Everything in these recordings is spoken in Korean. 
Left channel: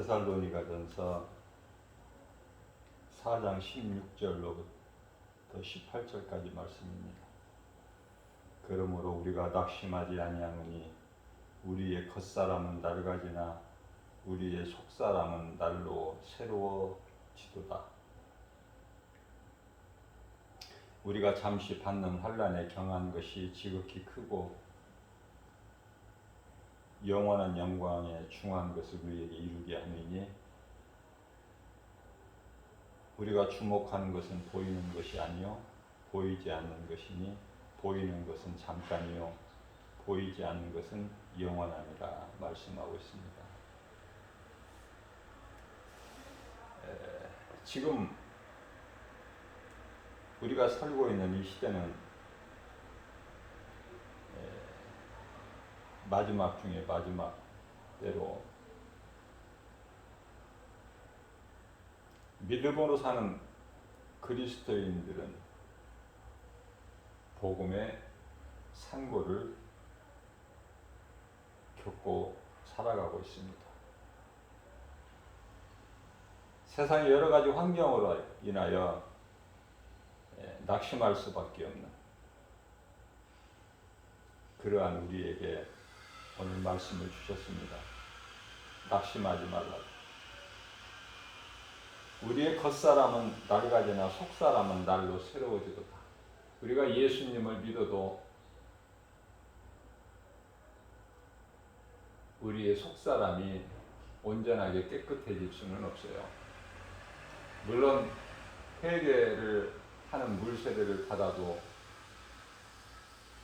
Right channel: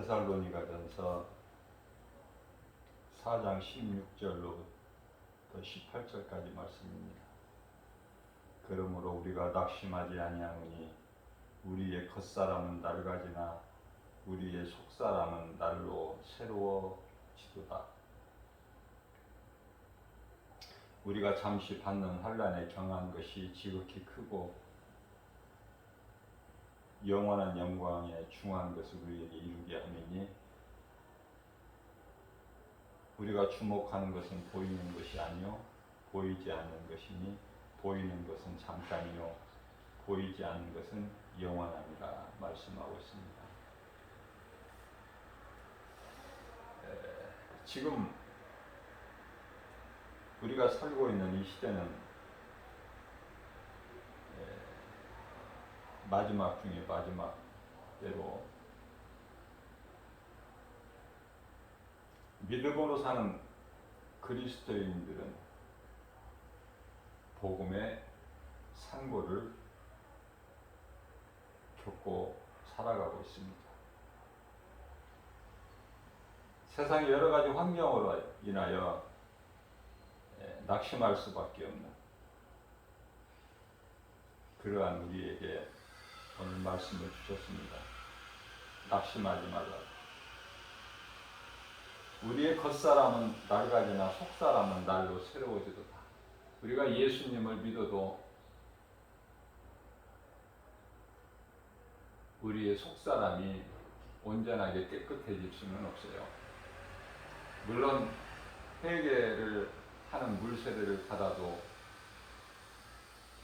데살로니가전서 4장 16절로부터 18절까지 말씀입니다. 그러므로 우리가 낙심하지 아니하노니 우리의 겉사람은 낡아지나 우리의 속사람은 날로 새로워지도다. 우리가 잠시 받는 환난에 경한 것이 지극히 크고 영원한 영광에 중한 것을 우리에게 이루게 함이니 우리가 주목하는 것은 보이는 것이 아니요 보이지 않는 것이니 보이는 것은 잠깐이요 보이지 않는 것은 영원하니라 말씀하고 있습니다. 지금 우리가 살고 있는 이 시대는 마지막 중에 마지막 때로 믿음으로 사는 그리스도인들은 복음의 상고를 겪고 살아가고 있습니다. 세상의 여러 가지 환경으로 인하여 낙심할 수밖에 없는 그러한 우리에게 오늘 말씀을 주셨습니다. 낙심하지 말라. 우리의 겉사람은 낡아지나 속사람은 날로 새로워지도다. 우리가 예수님을 믿어도 우리의 속사람이 온전하게 깨끗해질 수는 없어요. 물론 회개를 하는 물세례를 받아도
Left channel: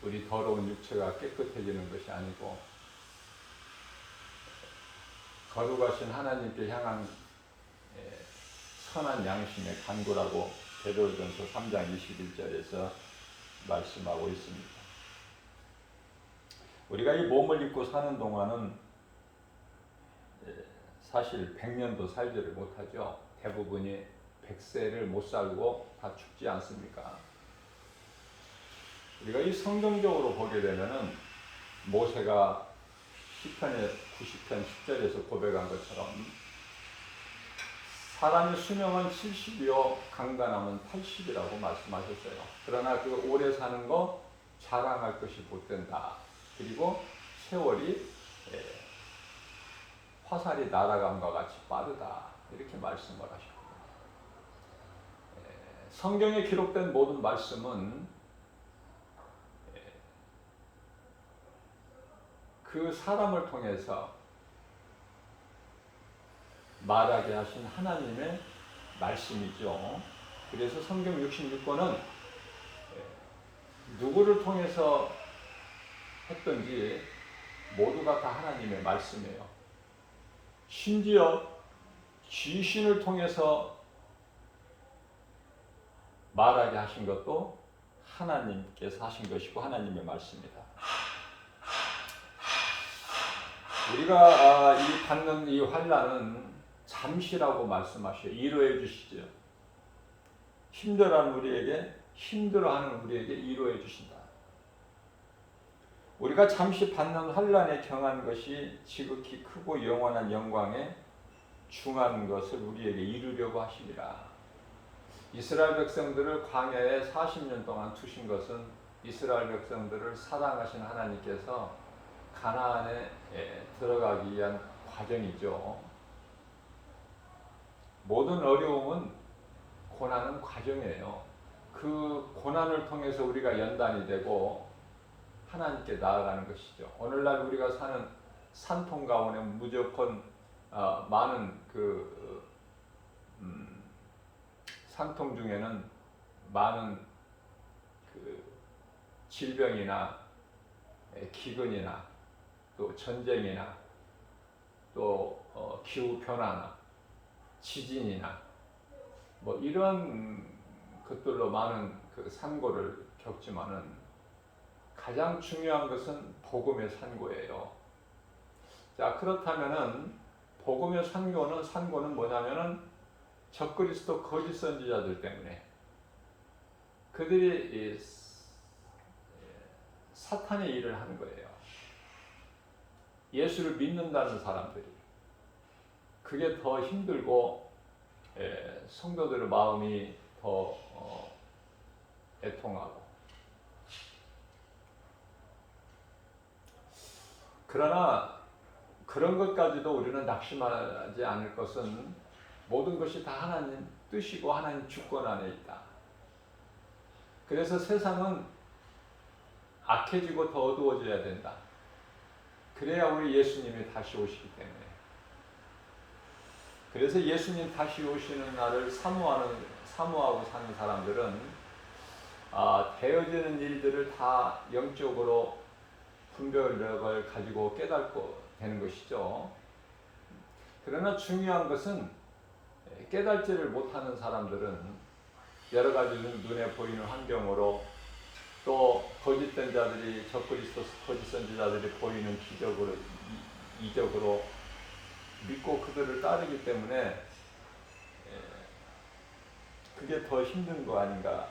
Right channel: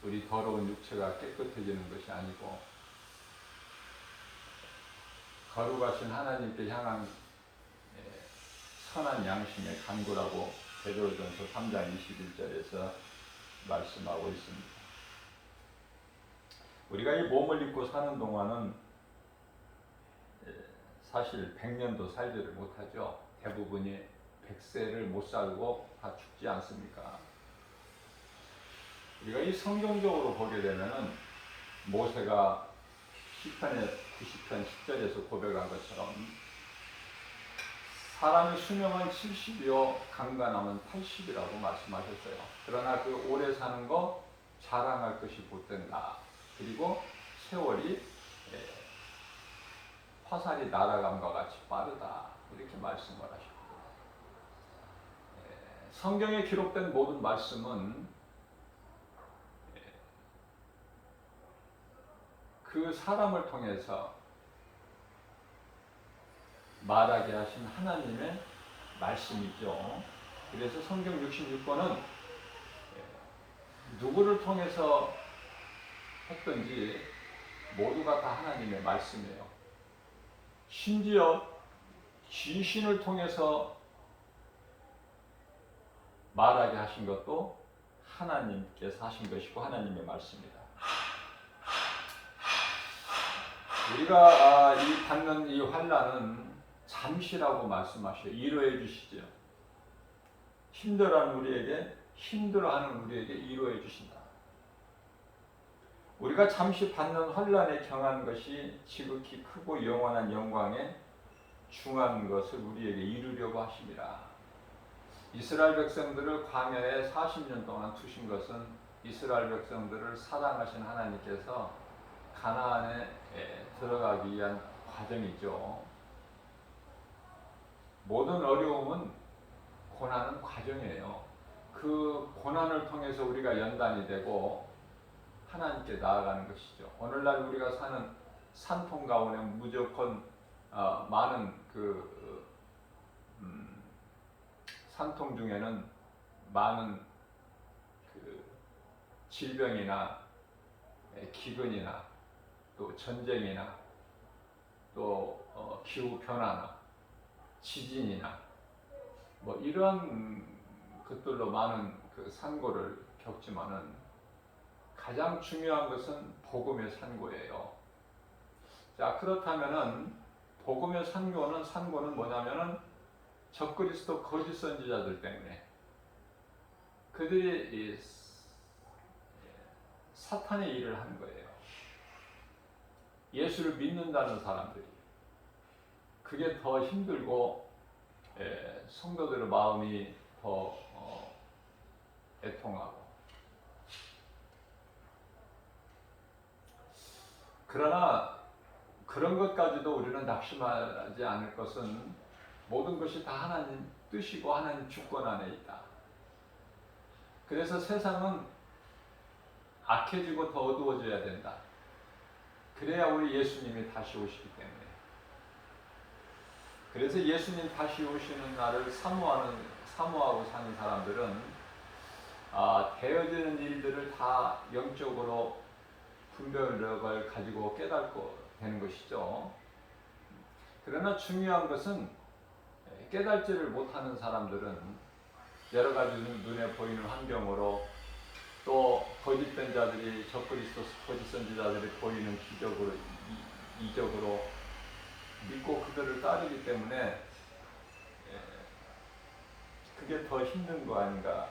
우리 더러운 육체가 깨끗해지는 것이 아니고 거룩하신 하나님께 향한 선한 양심의 간구라고 베드로전서 3장 21절에서 말씀하고 있습니다. 우리가 이 몸을 입고 사는 동안은 사실 100년도 살지를 못하죠. 대부분이 100세를 못 살고 다 죽지 않습니까? 우리가 이 성경적으로 보게 되면은 모세가 시편의 90편 10절에서 고백한 것처럼 사람의 수명은 70이요 강간하면 80이라고 말씀하셨어요. 그러나 그 오래 사는 거 자랑할 것이 못된다. 그리고 세월이 화살이 날아감과 같이 빠르다. 이렇게 말씀을 하셨습니다. 성경에 기록된 모든 말씀은 그 사람을 통해서 말하게 하신 하나님의 말씀이죠. 그래서 성경 66권은 누구를 통해서 했든지 모두가 다 하나님의 말씀이에요. 심지어 귀신을 통해서 말하게 하신 것도 하나님께서 하신 것이고 하나님의 말씀입니다. 우리가 받는 이 환난은 잠시라고 말씀하셔요. 위로해 주시죠. 힘들어하는 우리에게 위로해 주신다. 우리가 잠시 받는 환난에 경한 것이 지극히 크고 영원한 영광에 중한 것을 우리에게 이루려고 하심이라. 이스라엘 백성들을 광야에 40년 동안 두신 것은 이스라엘 백성들을 사랑하신 하나님께서 가나안에 들어가기 위한 과정이죠. 모든 어려움은 고난은 과정이에요. 그 고난을 통해서 우리가 연단이 되고 하나님께 나아가는 것이죠. 오늘날 우리가 사는 산통 가운데 무조건 많은 산통 중에는 많은 질병이나 기근이나 또 전쟁이나 또 기후 변화나 지진이나 뭐 이런 것들로 많은 산고를 겪지만은 가장 중요한 것은 복음의 산고예요. 자, 그렇다면은 복음의 산고는 뭐냐면은 적그리스도 거짓 선지자들 때문에 그들이 사탄의 일을 하는 거예요. 예수를 믿는다는 사람들이. 그게 더 힘들고 성도들의 마음이 더 애통하고. 그러나 그런 것까지도 우리는 낙심하지 않을 것은 모든 것이 다 하나님 뜻이고 하나님 주권 안에 있다. 그래서 세상은 악해지고 더 어두워져야 된다. 그래야 우리 예수님이 다시 오시기 때문에. 그래서 예수님 다시 오시는 날을 사모하고 사는 사람들은 되어지는 일들을 다 영적으로 분별력을 가지고 깨닫게 되는 것이죠. 그러나 중요한 것은 깨닫지를 못하는 사람들은 여러 가지 눈에 보이는 환경으로 또 거짓된 자들이 적그리스도 거짓 선지자들이 보이는 기적으로 이적으로 믿고 그들을 따르기 때문에 그게 더 힘든 거 아닌가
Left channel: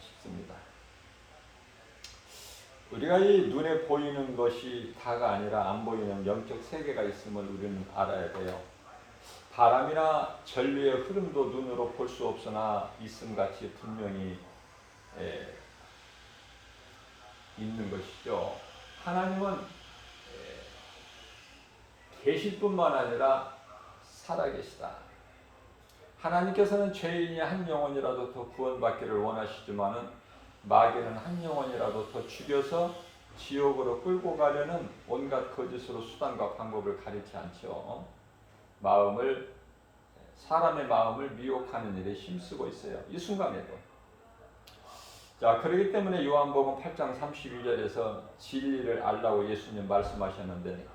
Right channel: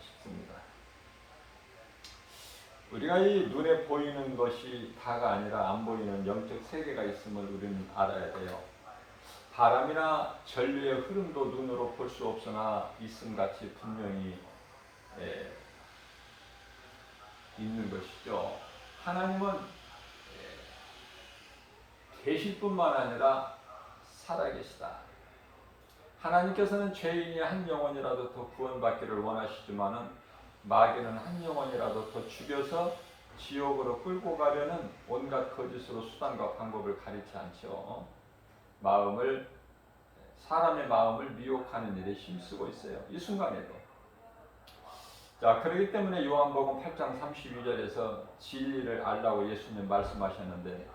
싶습니다. 우리가 이 눈에 보이는 것이 다가 아니라 안 보이는 영적 세계가 있음을 우리는 알아야 돼요. 바람이나 전류의 흐름도 눈으로 볼 수 없으나 있음같이 분명히 있는 것이죠. 하나님은 계실 뿐만 아니라 살아계시다. 하나님께서는 죄인이 한 영혼이라도 더 구원받기를 원하시지만은 마귀는 한 영혼이라도 더 죽여서 지옥으로 끌고 가려는 온갖 거짓으로 수단과 방법을 가리지 않죠. 사람의 마음을 미혹하는 일에 힘쓰고 있어요. 이 순간에도. 자, 그렇기 때문에 요한복음 8장 32절에서 진리를 알라고 예수님 말씀하셨는데,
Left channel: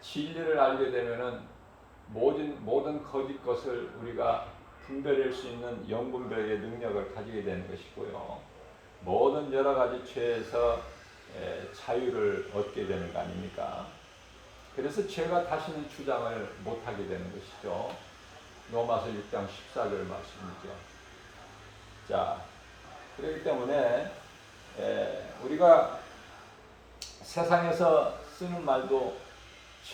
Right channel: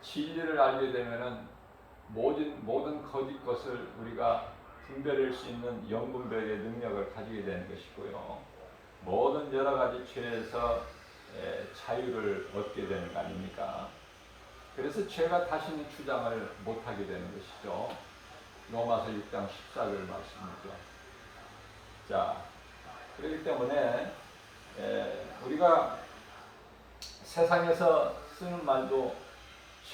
진리를 알게 되면은 모든 거짓 것을 우리가 분별할 수 있는 영분별의 능력을 가지게 되는 것이고요. 모든 여러 가지 죄에서 자유를 얻게 되는 거 아닙니까? 그래서 죄가 다시는 주장을 못하게 되는 것이죠. 로마서 6장 14절 말씀이죠. 자, 그렇기 때문에 우리가 세상에서 쓰는 말도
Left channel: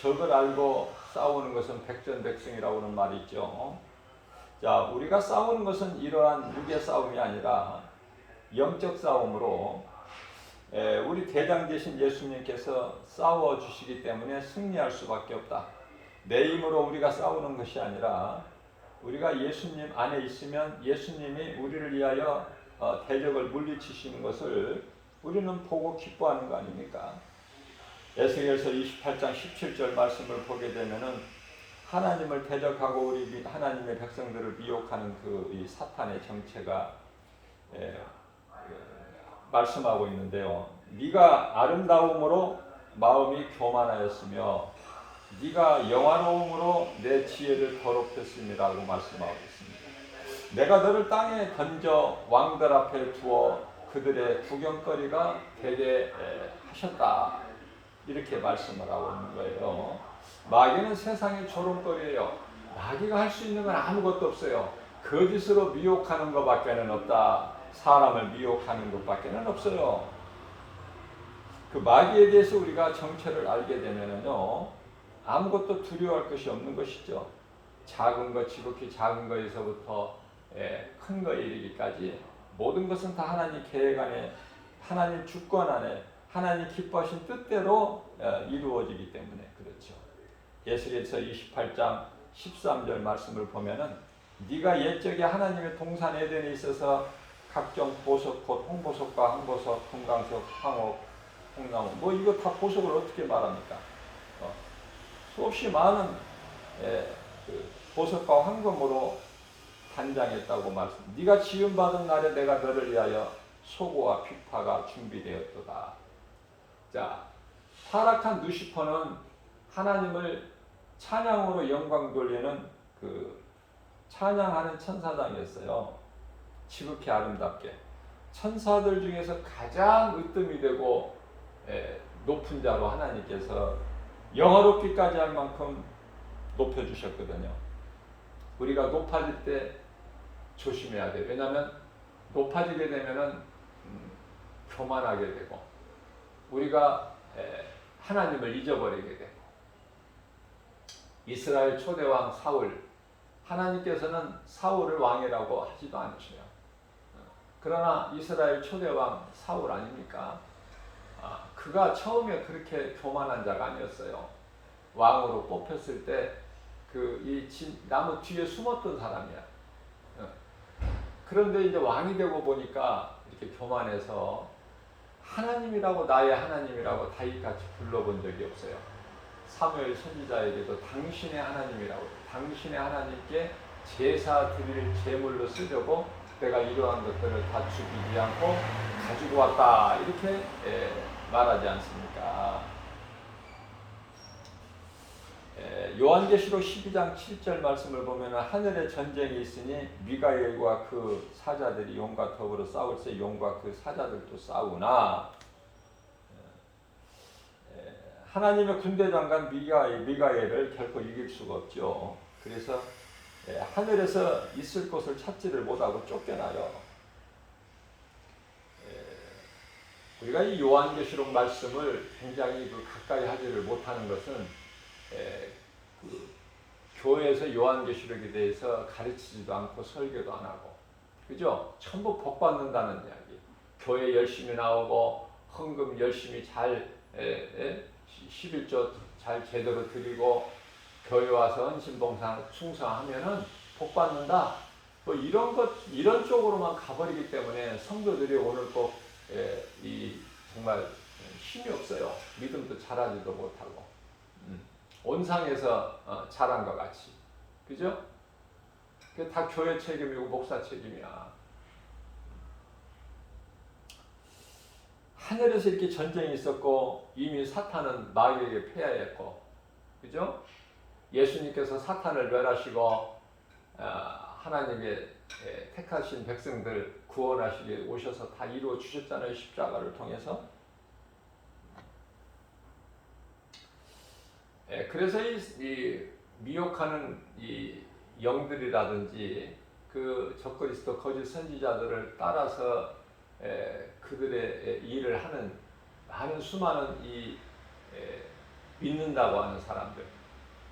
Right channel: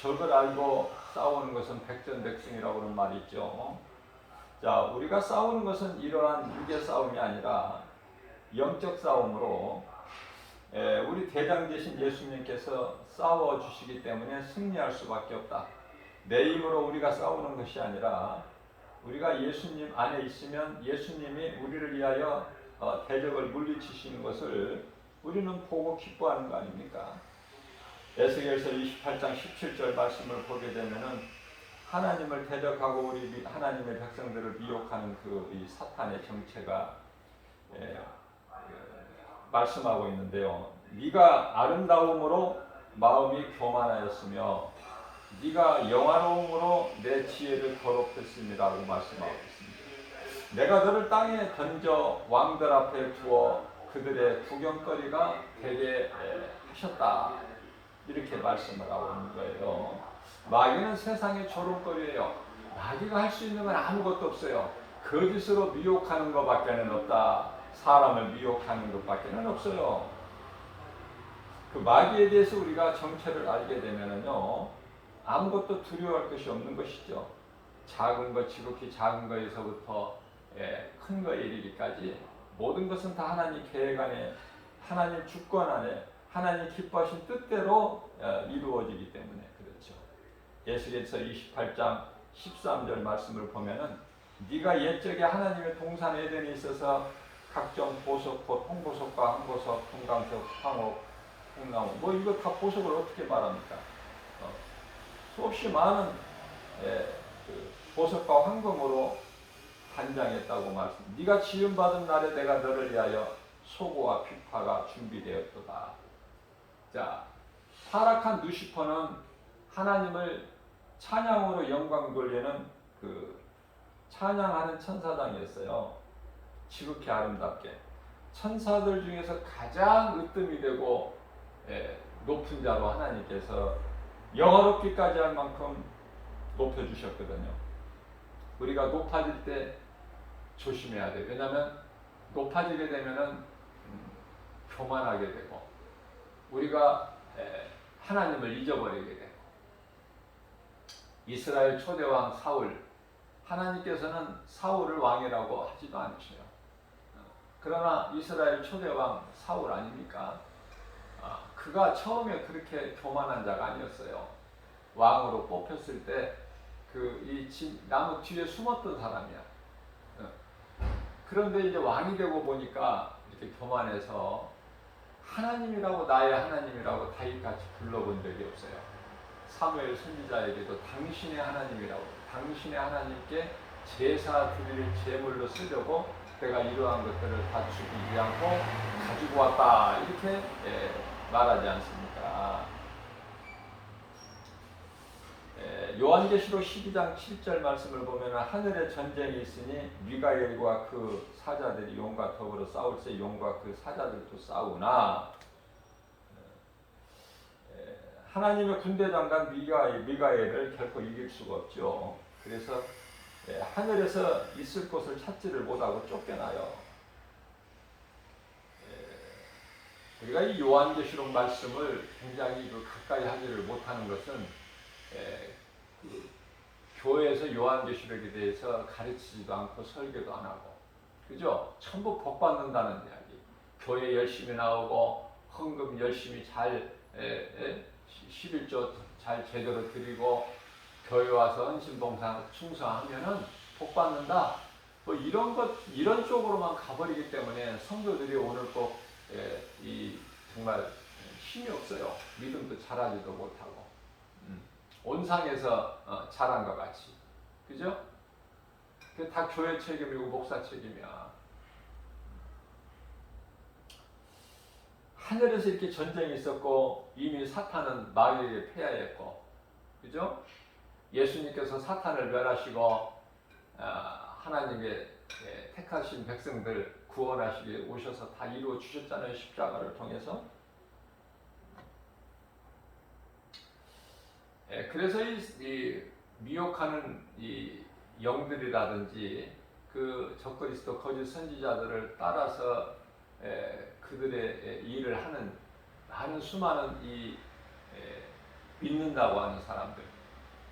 적을 알고 싸우는 것은 백전백승이라고 하는 말이 있죠. 자, 우리가 싸우는 것은 이러한 육의 싸움이 아니라 영적 싸움으로 우리 대장 되신 예수님께서 싸워주시기 때문에 승리할 수밖에 없다. 내 힘으로 우리가 싸우는 것이 아니라 우리가 예수님 안에 있으면 예수님이 우리를 위하여 대적을 물리치시는 것을 우리는 보고 기뻐하는 거 아닙니까? 에스겔서 28장 17절 말씀을 보게 되면은 하나님을 대적하고 우리 하나님의 백성들을 미혹하는 이 사탄의 정체가 말씀하고 있는데요. 네가 아름다움으로 마음이 교만하였으며 네가 영화로움으로 내 지혜를 더럽혔음이라고 말씀하고 있습니다. 내가 너를 땅에 던져 왕들 앞에 두어 그들의 구경거리가 되게 하셨다. 이렇게 말씀을 하고 있는 거예요. 마귀는 세상의 조롱거리예요. 마귀가 할 수 있는 건 아무것도 없어요. 거짓으로 미혹하는 것밖에는 없다. 사람을 미혹하는 것밖에는 없어요. 그 마귀에 대해서 우리가 정체를 알게 되면은요, 아무것도 두려워할 것이 없는 것이죠. 작은 것, 지극히 작은 것에서부터 큰 것에 이르기까지 모든 것은 다 하나님 계획 안에, 하나님 주권 안에, 하나님 기뻐하신 뜻대로 이루어지기 때문에 그렇죠. 에스겔서 28장 13절 말씀을 보면은 네가 옛적에 하나님의 동산 에덴에 있어서 각종 보석, 곧 홍보석과 항보석, 금강석, 황옥, 홍나무, 뭐 이거 다 보석을 어떻게 말합니까? 수없이 많은 그 보석과 황금으로 단장했다고 말씀. 네가 지음받은 날에 내가 너를 위하여 소고와 비파가 준비되었도다. 자, 타락한 루시퍼는 하나님을 찬양으로 영광 돌리는 그 찬양하는 천사장이었어요. 지극히 아름답게. 천사들 중에서 가장 으뜸이 되고 높은 자로 하나님께서 영화롭기까지 할 만큼 높여주셨거든요. 우리가 높아질 때 조심해야 돼요. 왜냐하면 높아지게 되면은 교만하게 되고 우리가 하나님을 잊어버리게 돼. 이스라엘 초대왕 사울, 하나님께서는 사울을 왕이라고 하지도 않으셔요. 그러나 이스라엘 초대왕 사울 아닙니까? 그가 처음에 그렇게 교만한 자가 아니었어요. 왕으로 뽑혔을 때 이 나무 뒤에 숨었던 사람이야. 그런데 이제 왕이 되고 보니까 이렇게 교만해서 하나님이라고, 나의 하나님이라고 다윗같이 불러본 적이 없어요. 사무엘 선지자에게도 당신의 하나님이라고, 당신의 하나님께 제사 드릴 제물로 쓰려고 내가 이러한 것들을 다 죽이지 않고 가지고 왔다, 이렇게 말하지 않습니까? 요한계시록 12장 7절 말씀을 보면 하늘에 전쟁이 있으니 미가엘과 그 사자들이 용과 더불어 싸울세 용과 그 사자들도 싸우나, 하나님의 군대 장관 미가엘을 결코 이길 수가 없죠. 그래서 하늘에서 있을 곳을 찾지를 못하고 쫓겨나요. 우리가 이 요한계시록 말씀을 굉장히 가까이 하지를 못하는 것은 그 교회에서 요한계시록에 대해서 가르치지도 않고 설교도 안 하고, 그죠? 전부 복 받는다는 이야기. 교회 열심히 나오고 헌금 열심히 잘 11조 잘 제대로 드리고 교회 와서 헌신봉사 충성하면은 복 받는다. 뭐 이런 쪽으로만 가버리기 때문에 성도들이 오늘 꼭 정말 힘이 없어요. 믿음도 잘하지도 못하고. 온상에서 자란 것 같이, 그죠? 그게 다 교회 책임이고 목사 책임이야. 하늘에서 이렇게 전쟁이 있었고 이미 사탄은 마귀에게 패하였고, 그죠? 예수님께서 사탄을 멸하시고 하나님의 택하신 백성들 구원하시기 오셔서 다 이루어 주셨잖아요. 십자가를 통해서. 그래서 이 미혹하는 이 영들이라든지 그 적그리스도 거짓 선지자들을 따라서 그들의 일을 하는 수많은 믿는다고 하는 사람들,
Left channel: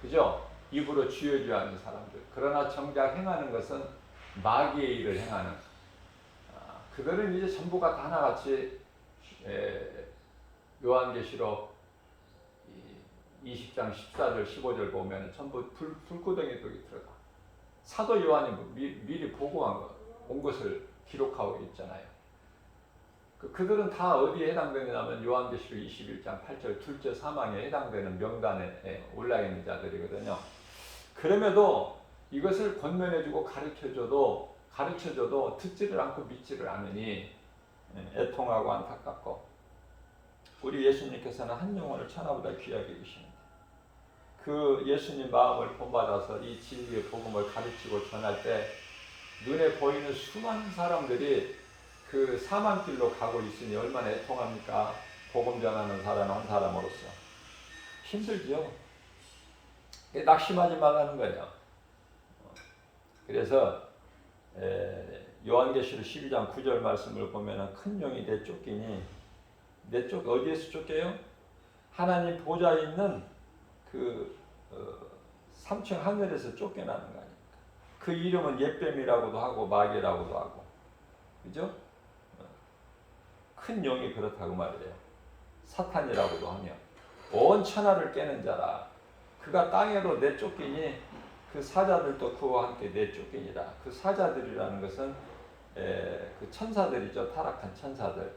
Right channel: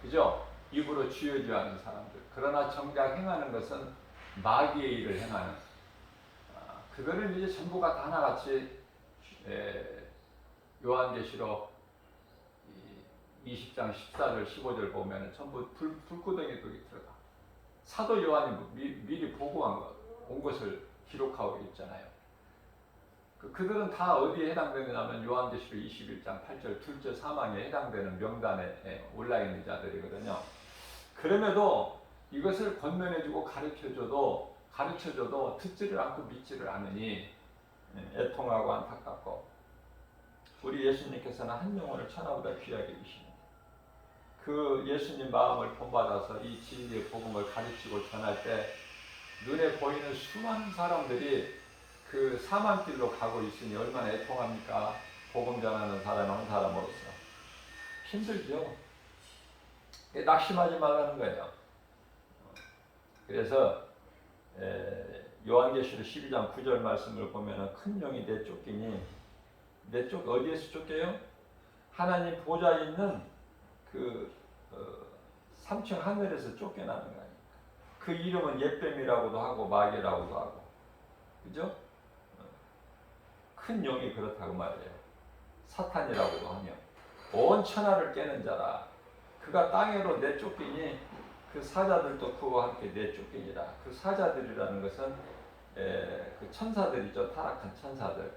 그죠? 입으로 주여주하는 사람들. 그러나 정작 행하는 것은 마귀의 일을 행하는, 그들은 이제 전부가 다 하나같이 요한계시록 20장 14절 15절 보면 전부 불구덩이 거기 들어가. 사도 요한이 미리 보고한 온 것을 기록하고 있잖아요. 그들은 다 어디에 해당되느냐면 요한계시록 21장 8절 둘째 사망에 해당되는 명단에 올라 있는 자들이거든요. 그럼에도 이것을 권면해주고 가르쳐줘도 듣지를 않고 믿지를 않으니 애통하고 안타깝고, 우리 예수님께서는 한 영혼을 천하보다 귀하게 여기십니다. 그 예수님 마음을 본받아서 이 진리의 복음을 가르치고 전할 때 눈에 보이는 수많은 사람들이 그 사망길로 가고 있으니 얼마나 애통합니까? 복음 전하는 사람 한 사람으로서 힘들죠. 낙심하지 말라는 거예요. 그래서 요한계시록 12장 9절 말씀을 보면 큰 용이 내쫓기니, 어디에서 쫓겨요? 하나님 보좌에 있는 그 3층 하늘에서 쫓겨나는 거 아닙니까? 그 이름은 옛뱀이라고도 하고 마귀라고도 하고, 그죠? 큰 용이 그렇다고 말이에요. 사탄이라고도 하며 온 천하를 깨는 자라. 그가 땅으로 내쫓기니 그 사자들도 그와 함께 내쫓기니라. 그 사자들이라는 것은 그 천사들이죠. 타락한 천사들,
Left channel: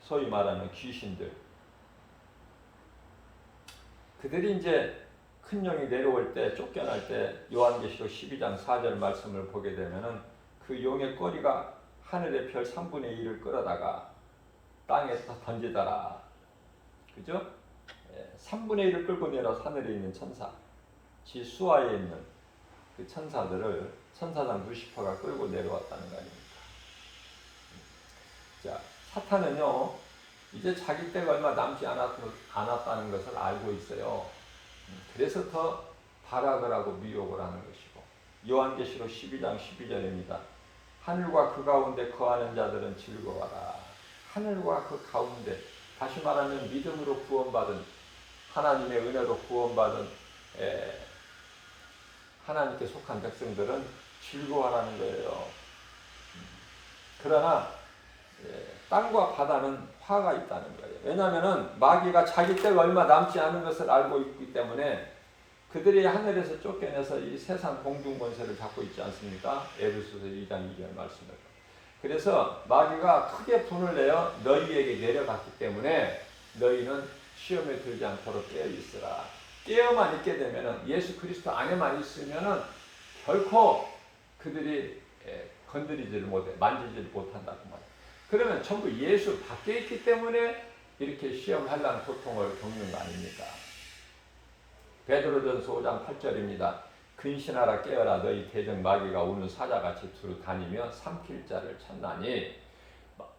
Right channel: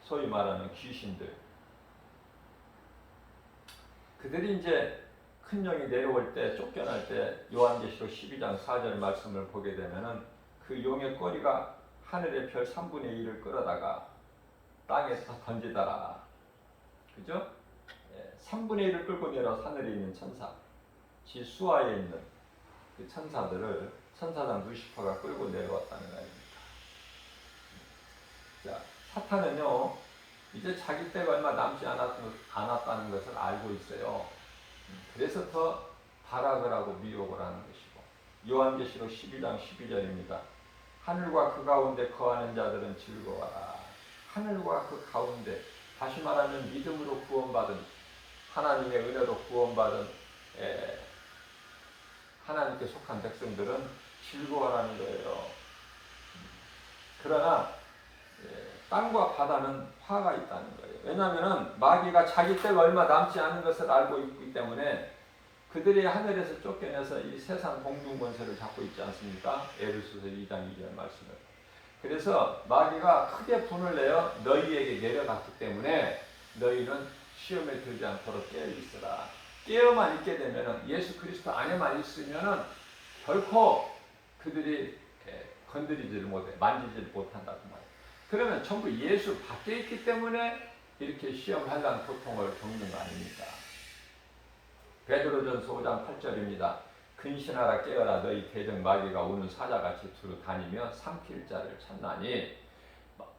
소위 말하는 귀신들. 그들이 이제 큰 용이 내려올 때, 쫓겨날 때 요한계시록 12장 4절 말씀을 보게 되면은 그 용의 꼬리가 하늘의 별 3분의 1을 끌어다가 땅에 던지더라. 그죠? 3분의 1을 끌고 내려 하늘에 있는 천사, 지 수하에 있는 그 천사들을 천사장 루시퍼가 끌고 내려왔다는 거 아닙니까? 자, 사탄은요, 이제 자기 때가 얼마 남지 않았다는 것을 알고 있어요. 그래서 더 발악을 하고 미혹을 하는 것이고, 요한계시록 12장 12절입니다. 하늘과 그 가운데 거하는 자들은 즐거워라. 하늘과 그 가운데, 다시 말하면 믿음으로 구원받은, 하나님의 은혜로 구원받은 에, 하나님께 속한 백성들은 즐거워하라는 거예요. 그러나 땅과 바다는 화가 있다는 거예요. 왜냐하면 마귀가 자기 때가 얼마 남지 않은 것을 알고 있기 때문에 그들이 하늘에서 쫓겨내서 이 세상 공중권세를 잡고 있지 않습니까? 에베소서 2장 2절 말씀을. 그래서 마귀가 크게 분을 내어 너희에게 내려갔기 때문에 너희는 시험에 들지 않도록 깨어 있으라. 깨어만 있게 되면은 예수 그리스도 안에만 있으면은 결코 그들이 건드리지를 못해, 만지지를 못한다고 말이에요. 그러면 전부 예수 밖에 있기 때문에 이렇게 시험, 환난, 고통을 겪는 거 아닙니까? 베드로전서 5장 8절입니다. 근신하라 깨어라 너희 대적 마귀가 우는 사자같이 두루 다니며 삼킬 자를 찾나니.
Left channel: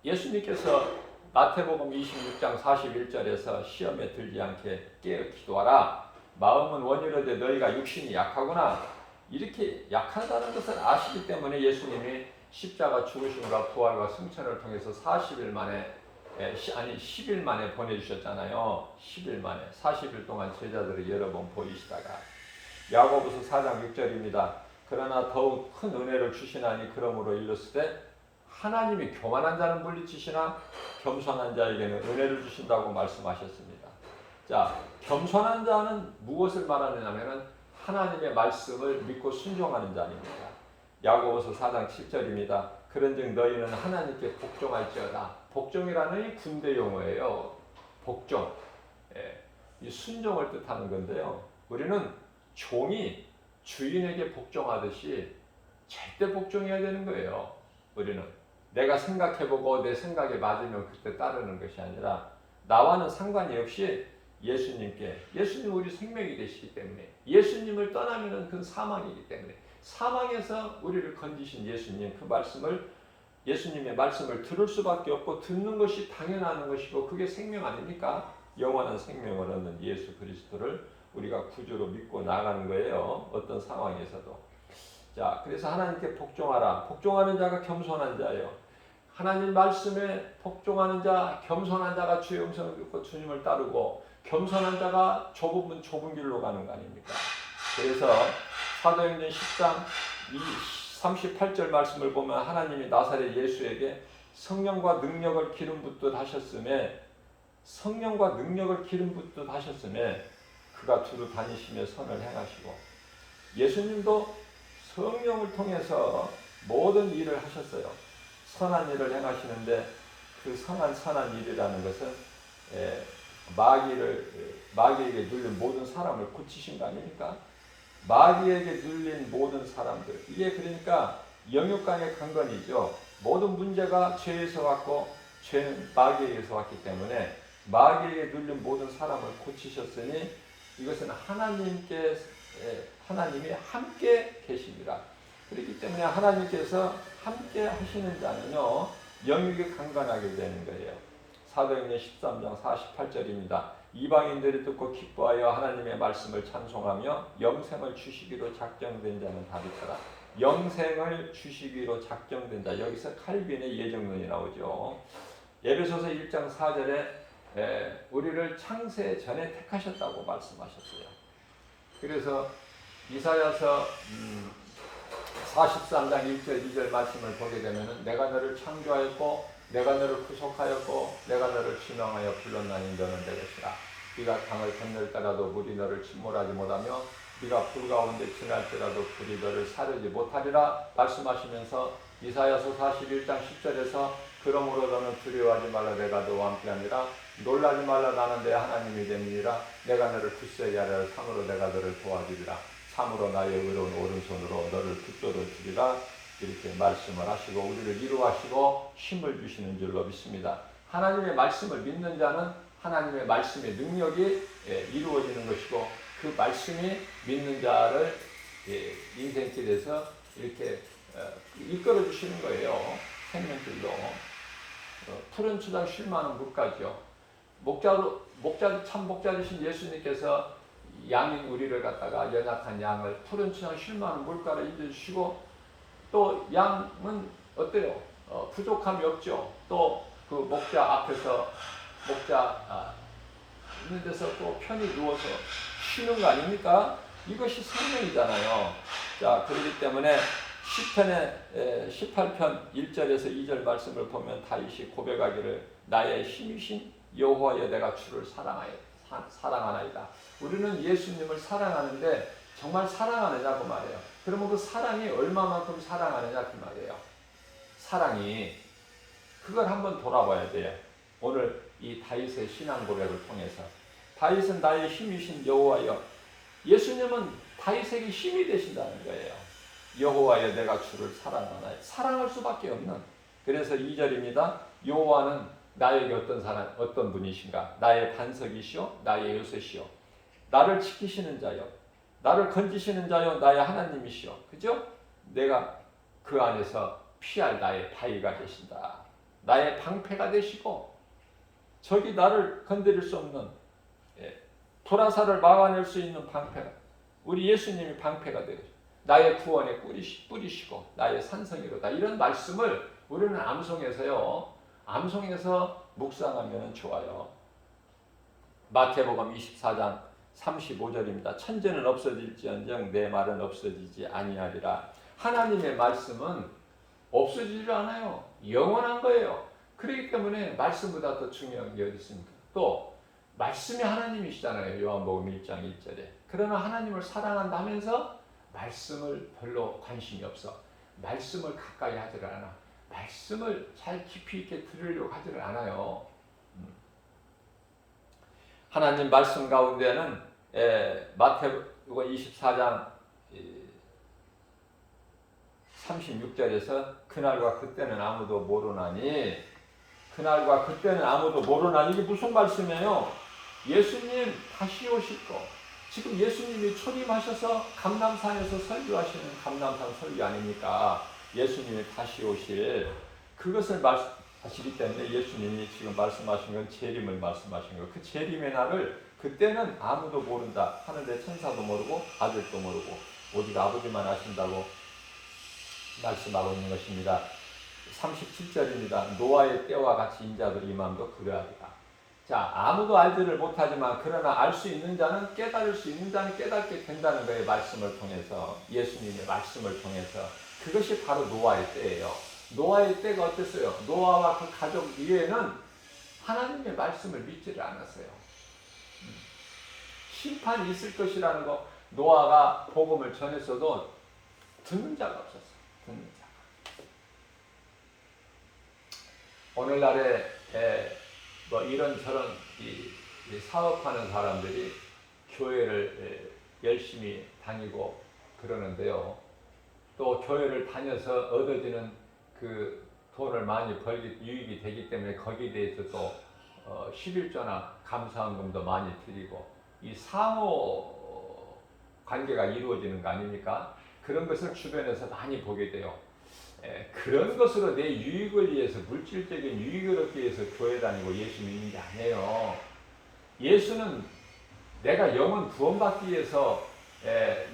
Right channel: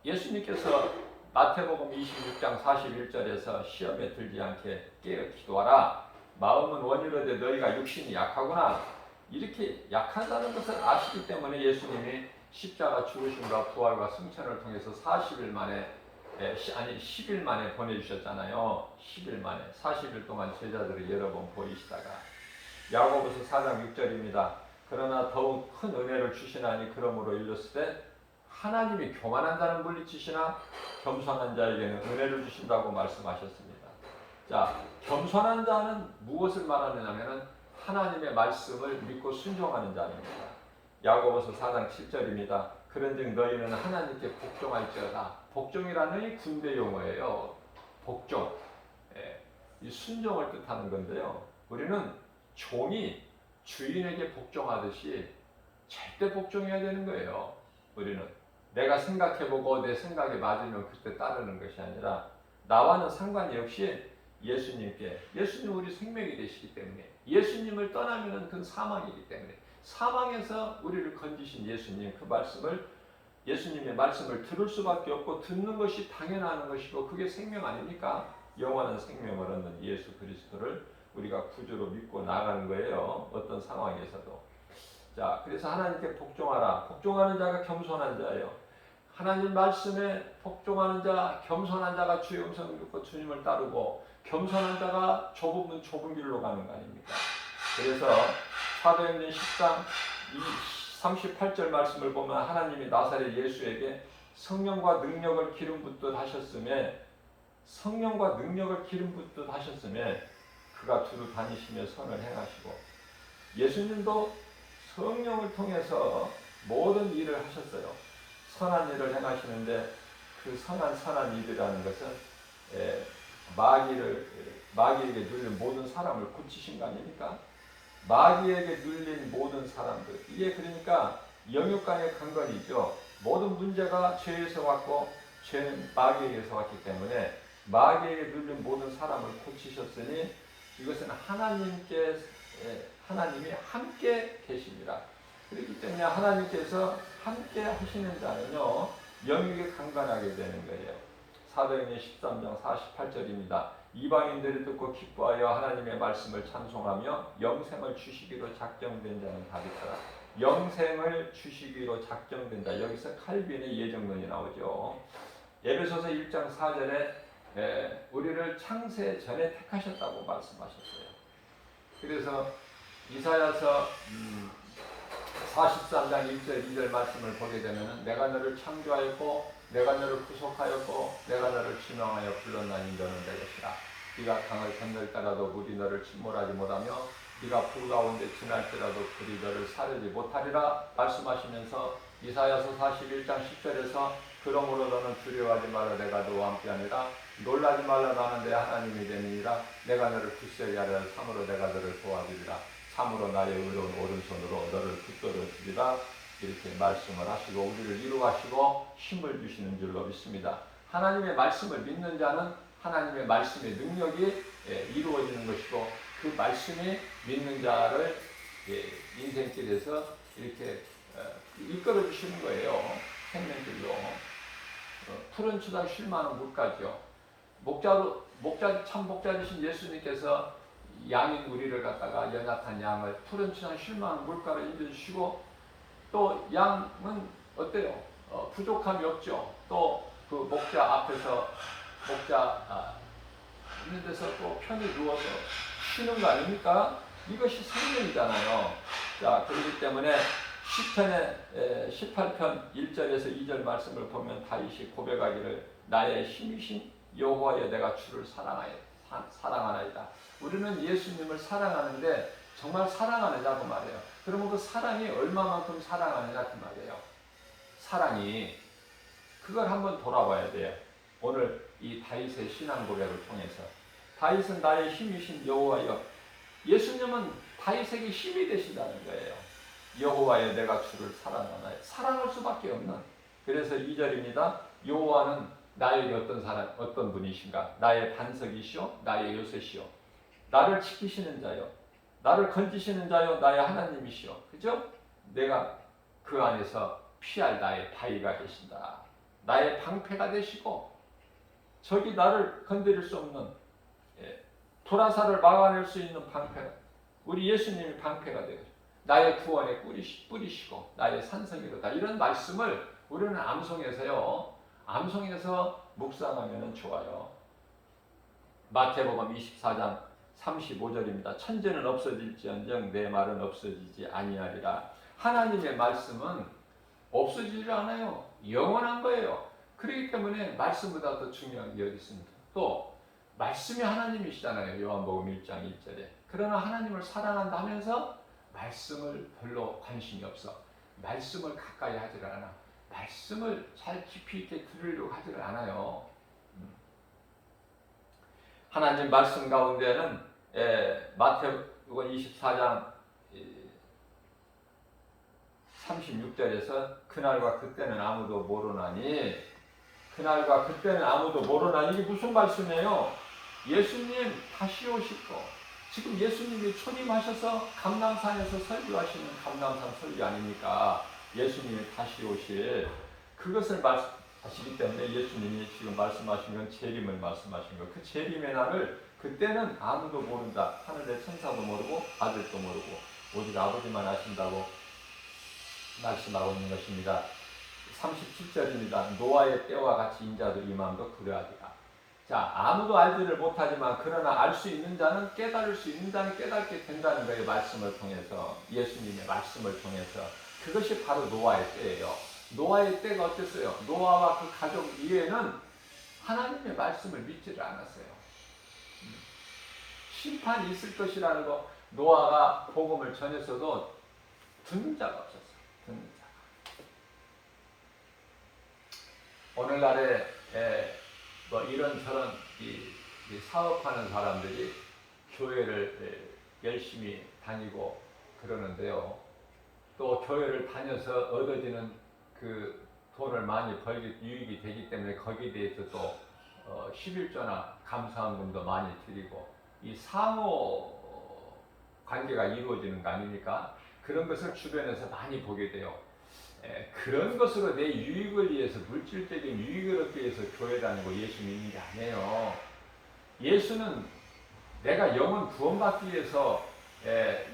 예수님께서 마태복음 26장 41절에서 시험에 들지 않게 깨어 기도하라. 마음은 원이로되 너희가 육신이 약하구나. 이렇게 약하다는 것을 아시기 때문에 예수님이 십자가 죽으심과 부활과 승천을 통해서 40일 만에 10일 만에 보내주셨잖아요. 10일 만에 40일 동안 제자들을 여러 번 보이시다가 야고보서 4장 6절입니다. 그러나 더욱 큰 은혜를 주시나니 그러므로 일렀으되 하나님이 교만한 자는 물리치시나 겸손한 자에게는 은혜를 주신다고 말씀하셨습니다. 자, 겸손한 자는 무엇을 말하느냐면 하나님의 말씀을 믿고 순종하는 자입니다. 야고보서 4장 7절입니다. 그런즉 너희는 하나님께 복종할지어다. 복종이라는 이 군대 용어예요. 복종. 이 순종을 뜻하는 건데요. 우리는 종이 주인에게 복종하듯이 절대 복종해야 되는 거예요. 우리는 내가 생각해보고 내 생각에 맞으면 그때 따르는 것이 아니라 나와는 상관이 없이 예수님께, 예수님 우리 생명이 되시기 때문에, 예수님을 떠나면 그건 사망이기 때문에 사망에서 우리를 건지신 예수님, 그 말씀을, 예수님의 말씀을 들을 수밖에 없고 듣는 것이 당연한 것이고 그게 생명 아닙니까? 영원한 생명을 얻는 예수 그리스도를 우리가 구주로 믿고 나가는 거예요. 어떤 상황에서도. 자, 그래서 하나님께 복종하라. 복종하는 자가 겸손한 자예요. 하나님 말씀에 복종하는 자, 겸손한 자가 주의 음성을 듣고 주님을 따르고 겸손한 자가 좁은 길로 가는 거 아닙니까? 그래서 사도행전 10장 38절 말씀을 보면 하나님이 나사렛 예수에게 성령과 능력을 기름 붓듯 하셨음에, 성령과 능력을 기름 붓듯 하셨음에 그가 두루 다니시며 선을 행하시고, 예수님도 성령을 통해서 모든 일을 하셨어요. 선한 일을 행하시는데 그 선한 일이라는 것은 마귀에게 눌린 모든 사람을 고치신 거 아닙니까? 마귀에게 눌린 모든 사람들, 이게 그러니까 영육간의 강건이죠. 모든 문제가 죄에서 왔고 죄는 마귀에게서 왔기 때문에 마귀에게 눌린 모든 사람을 고치셨으니 이것은 하나님이 함께 계십니다. 그렇기 때문에 하나님께서 함께 하시는 자는요, 영육이 강건하게 되는 거예요. 사도행전 13장 48절입니다. 이방인들이 듣고 기뻐하여 하나님의 말씀을 찬송하며 영생을 주시기로 작정된 자는 다 있더라. 영생을 주시기로 작정된 자, 여기서 칼빈의 예정론이 나오죠. 에베소서 1장 4절에 우리를 창세 전에 택하셨다고 말씀하셨어요. 그래서 이사야서 43장 1절 2절 말씀을 보게 되면 내가 너를 창조하였고 내가 너를 구속하였고 내가 너를 지명하여 불렀나니 너는 내 것이라. 네가 강을 건널 물이 너를 침몰하지 못하며 네가 불 가운데 지날지라도 불이 너를 사르지 못하리라 말씀하시면서 이사야서 41장 10절에서 그러므로 너는 두려워하지 말라. 내가 너와 함께하니라. 놀라지 말라. 나는 내 하나님이 됨이니라. 내가 너를 굳세게 하리라. 참으로 내가 너를 도와주리라. 참으로 나의 의로운 오른손으로 너를 붙들어 주리라. 이렇게 말씀을 하시고 우리를 위로하시고 힘을 주시는 줄로 믿습니다. 하나님의 말씀을 믿는 자는 하나님의 말씀의 능력이 이루어지는 것이고 그 말씀이 믿는 자를 인생길에서 이렇게 이끌어 주시는 거예요. 생명길로. 푸른 추장 쉴만한 물가죠. 참 목자 되신 예수님께서 양인 우리를 갖다가 연약한 양을 푸른 추장 쉴만한 물가로 인도해주시고 또 양은 어때요? 부족함이 없죠. 또 그 목자 앞에서 있는 데서 또 편히 누워서 쉬는 거 아닙니까? 이것이 생명이잖아요. 자, 그렇기 때문에 시편의 18편 1절에서 2절 말씀을 보면 다윗이 고백하기를 나의 힘이신 여호와여 내가 주를 사랑하나이다. 우리는 예수님을 사랑하는데 정말 사랑하느냐고 말이에요. 그러면 그 사랑이 얼마만큼 사랑하느냐 그 말이에요. 사랑이 그걸 한번 돌아봐야 돼요. 오늘 이 다윗의 신앙 고백을 통해서 다윗은 나의 힘이신 여호와여, 예수님은 다윗에게 힘이 되신다는 거예요. 여호와여 내가 주를 사랑하나요? 사랑할 수밖에 없는. 그래서 2절입니다. 여호와는 나에게 어떤 분이신가? 나의 반석이시오, 나의 요새시오, 나를 지키시는 자요, 나를 건지시는 자요, 나의 하나님이시오. 그죠? 내가 그 안에서 피할 나의 바위가 되신다. 나의 방패가 되시고 적이 나를 건드릴 수 없는 도라사를 막아낼 수 있는 방패, 우리 예수님이 방패가 되고 나의 구원의 뿌리시고 나의 산성이로다. 이런 말씀을 우리는 암송해서 묵상하면 좋아요. 마태복음 24장 35절입니다. 천재는 없어질지언정 내 말은 없어지지 아니하리라. 하나님의 말씀은 없어지지 않아요. 영원한 거예요. 그렇기 때문에 말씀보다 더 중요한 게 어디 있습니까? 또 말씀이 하나님이시잖아요. 요한복음 1장 1절에. 그러나 하나님을 사랑한다면서 말씀을 별로 관심이 없어. 말씀을 가까이 하지를 않아. 말씀을 잘 깊이 있게 들으려고 하지를 않아요. 하나님 말씀 가운데는 마태복음 24장 36절에서 그날과 그때는 아무도 모르나니, 그날과 그때는 아무도 모르나니, 이게 무슨 말씀이에요? 예수님 다시 오실 거. 지금 예수님이 초림하셔서 감람산에서 설교하시는 감람산 설교 아닙니까? 예수님이 다시 오실 그것을 말씀하시기 때문에 예수님이 지금 말씀하신 건 재림을 말씀하신 거예요. 그 재림의 날을 그때는 아무도 모른다. 하늘의 천사도 모르고 아들도 모르고 오직 아버지만 아신다고 말씀하고 있는 것입니다. 37절입니다. 노아의 때와 같이 인자도 이맘도 그러하리라. 자, 아무도 알지를 못하지만 그러나 알 수 있는 자는, 깨달을 수 있는 자는 깨닫게 된다는 거예요. 말씀을 통해서, 예수님의 말씀을 통해서. 그것이 바로 노아의 때예요. 노아의 때가 어땠어요? 노아와 그 가족 위에는 하나님의 말씀을 믿지를 않았어요. 심판이 있을 것이라는 거, 노아가 복음을 전했어도 듣는 자가 없었어요. 듣는 자. 오늘날에 뭐 이런저런 이 사업하는 사람들이 교회를 열심히 다니고 그러는데요. 또 교회를 다녀서 얻어지는 그 돈을 많이 유익이 되기 때문에 거기에 대해서 또 11조나 감사헌금도 많이 드리고 이 상호 관계가 이루어지는 거 아닙니까? 그런 것을 주변에서 많이 보게 돼요. 그런 것으로 내 유익을 위해서, 물질적인 유익을 얻기 위해서 교회 다니고 예수 믿는 게 아니에요. 예수는 내가 영혼 구원받기 위해서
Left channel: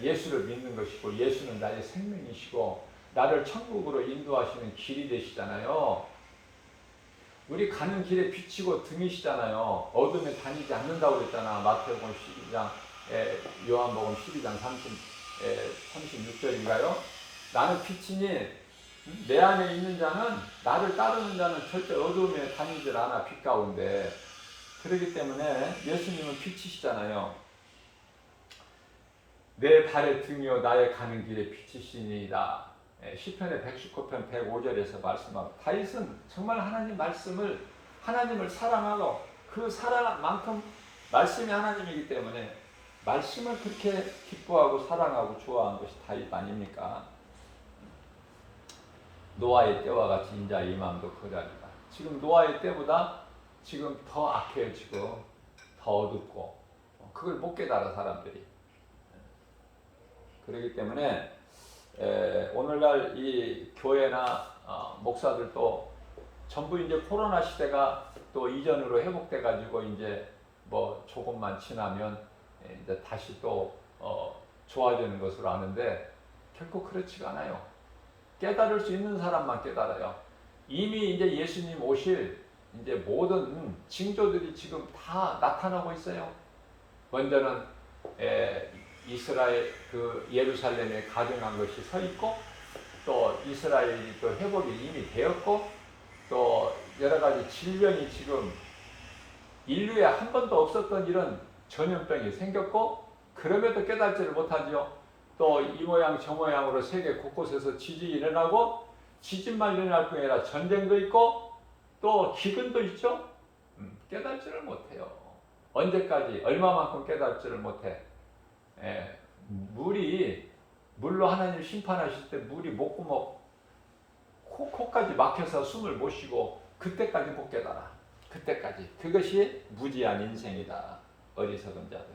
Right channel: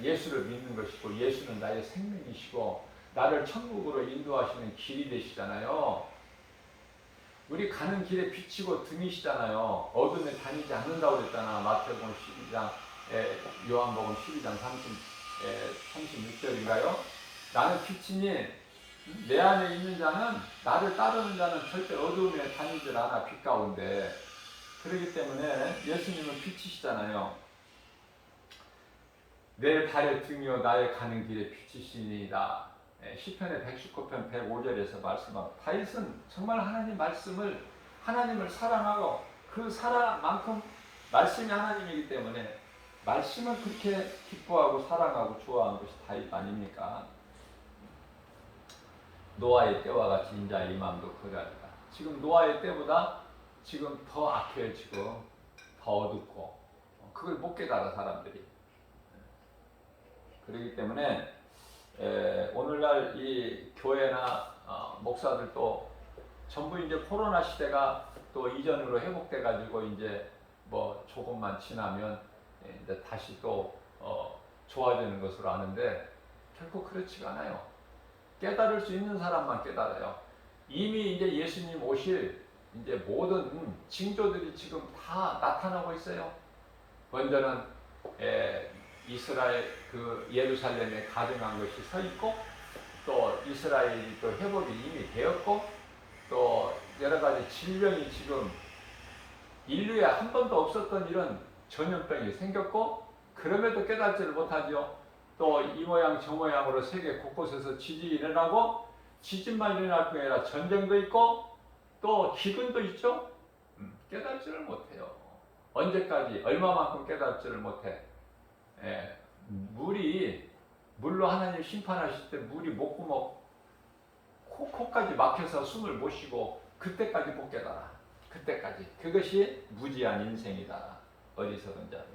예수를 믿는 것이고, 예수는 나의 생명이시고 나를 천국으로 인도하시는 길이 되시잖아요. 우리 가는 길에 비치고 등이시잖아요. 어둠에 다니지 않는다고 그랬잖아. 마태복음 12장, 요한복음 12장 36절인가요? 나는 빛이니 내 안에 있는 자는, 나를 따르는 자는 절대 어둠에 다니질 않아. 빛 가운데. 그렇기 때문에 예수님은 빛이시잖아요. 내 발의 등이요 나의 가는 길에 빛이시니이다. 시편의 119편 105절에서 말씀하고, 다윗은 정말 하나님을 사랑하고 그 사랑만큼 말씀이 하나님이기 때문에 말씀을 그렇게 기뻐하고 사랑하고 좋아하는 것이 다윗 아닙니까? 노아의 때와 같이 인자 이맘도 그러하리라. 지금 노아의 때보다 지금 더 악해지고 더 어둡고, 그걸 못 깨달아 사람들이. 그렇기 때문에 오늘날 이 교회나 목사들도 전부 이제 코로나 시대가 또 이전으로 회복돼 가지고 이제 뭐 조금만 지나면 이제 다시 또 좋아지는 것으로 아는데 결코 그렇지가 않아요. 깨달을 수 있는 사람만 깨달아요. 이미 이제 예수님 오실 이제 모든 징조들이 지금 다 나타나고 있어요. 먼저는 이스라엘 그 예루살렘에 가증한 것이 서 있고 또 이스라엘이 또 회복이 이미 되었고 또 여러 가지 질병이 지금 인류에 한 번도 없었던 이런 전염병이 생겼고 그럼에도 깨닫지를 못하죠. 또 이 모양 저 모양으로 세계 곳곳에서 지진이 일어나고 지진만 일어날 뿐 아니라 전쟁도 있고 또 기근도 있죠. 깨닫지를 못해요. 언제까지 얼마만큼 깨닫지를 못해. 물로 하나님 심판하실 때 물이 목구멍 코까지 막혀서 숨을 못 쉬고 그때까지 못 깨달아. 그때까지. 그것이 무지한 인생이다. 어리석은 자들.